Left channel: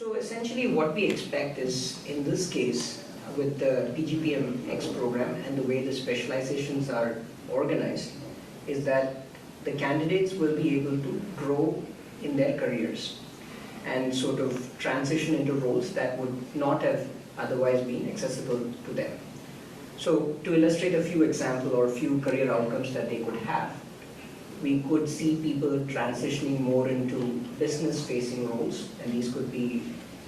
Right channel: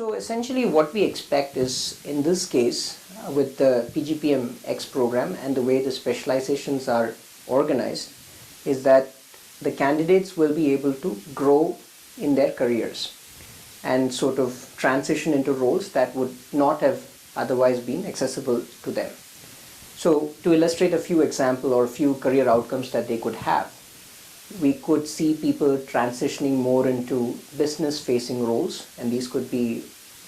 So essentially what we expect is, in this case, with the PGPM-X program and the way the specializations are organized, is that the candidates will be able to grow in their careers and sort of transition into roles that would not have otherwise been accessible to them. So to illustrate a few examples or a few career outcomes that they could have, we could see people transitioning more into business-facing roles, and these could be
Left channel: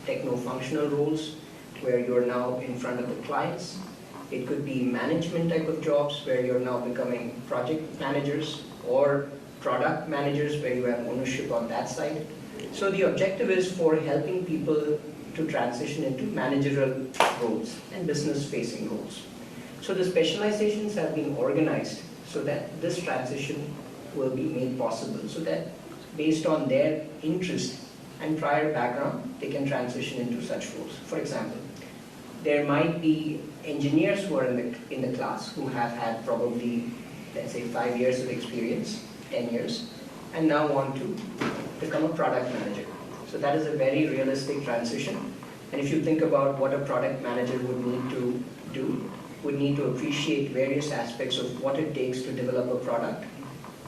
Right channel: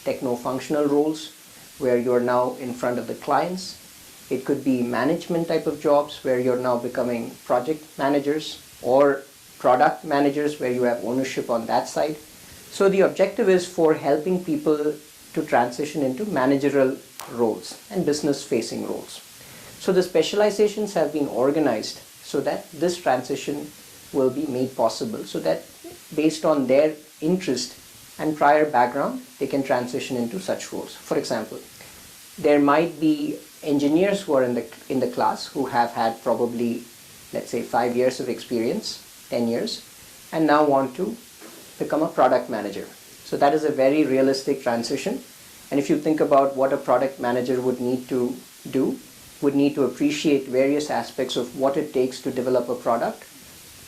techno-functional roles where you're now in front of the clients. It could be management type of jobs where you're now becoming project managers, or product managers where you have ownership on that side. So the objective is for helping people to transition into managerial roles and business-facing roles. So the specializations have been organized so that this transition will be made possible, so that based on their interest and prior background, they can transition into such roles. For example, there might be engineers who are in the class who have had probably, let's say, 5 years of experience, 10 years, and now want to become a product manager. So that is a very realistic transition. And if you think about what a product manager would need to do, would need to appreciate various aspects of what it takes to develop a product,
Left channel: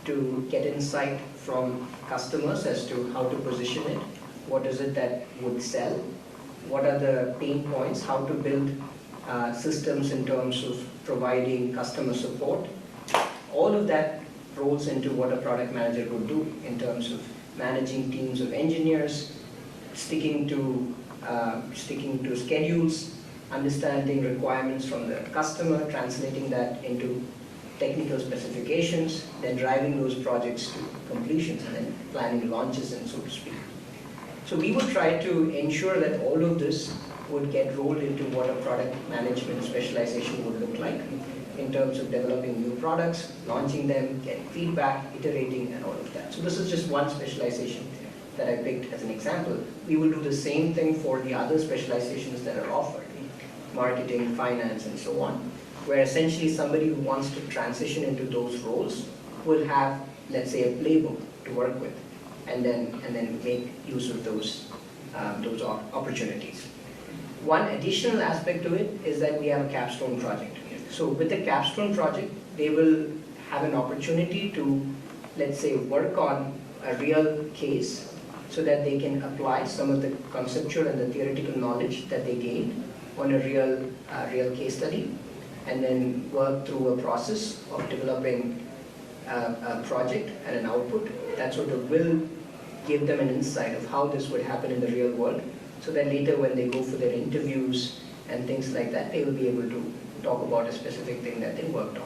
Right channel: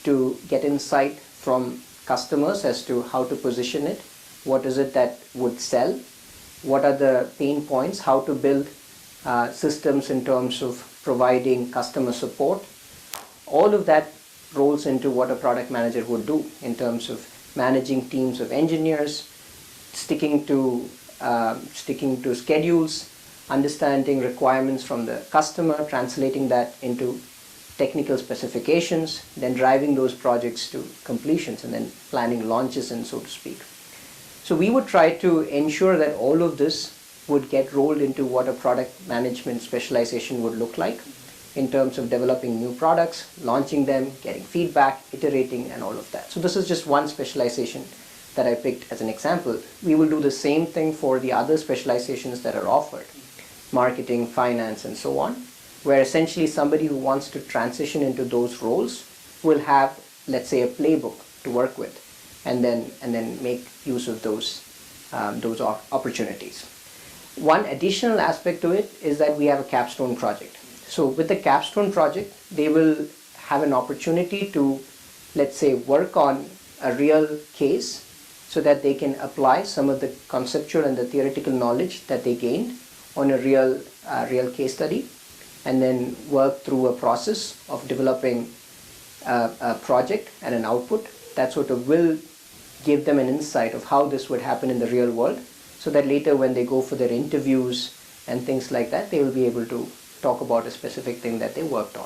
to get insight from customers as to how to position it, what is it that would sell, what are the pain points, how to build systems in terms of providing customer support. All of that rolls into what a product manager would do in terms of managing teams of engineers, sticking to schedules, understanding requirements from the customer, translating that into technical specifications, then driving those projects to completions, and then planning launches, and so to speak. So we would try to ensure that all of this would get rolled into what a product management specialization would look like in terms of developing new products, launching them, getting feedback, iterating, and all of that. So this is just one specialization that I picked as an example. We will do the same thing for the other specializations that are offered, marketing, finance, and so on, where essentially somebody who wants to transition into those roles will have, let's say, a playbook to work with, and then make use of those opportunities. One additional aspect to it is that we have a capstone project. So with the capstone project, they will have an opportunity to, let's say, work on a real case so that they can apply some of the conceptual and the theoretical knowledge that they gained on a real case study, and then work through a process of developing a project and an output that sort of will give them an insight of how this would happen in the real world, so that later when they go for their interviews and things like that, they will be able to talk about a specific thing that they worked on.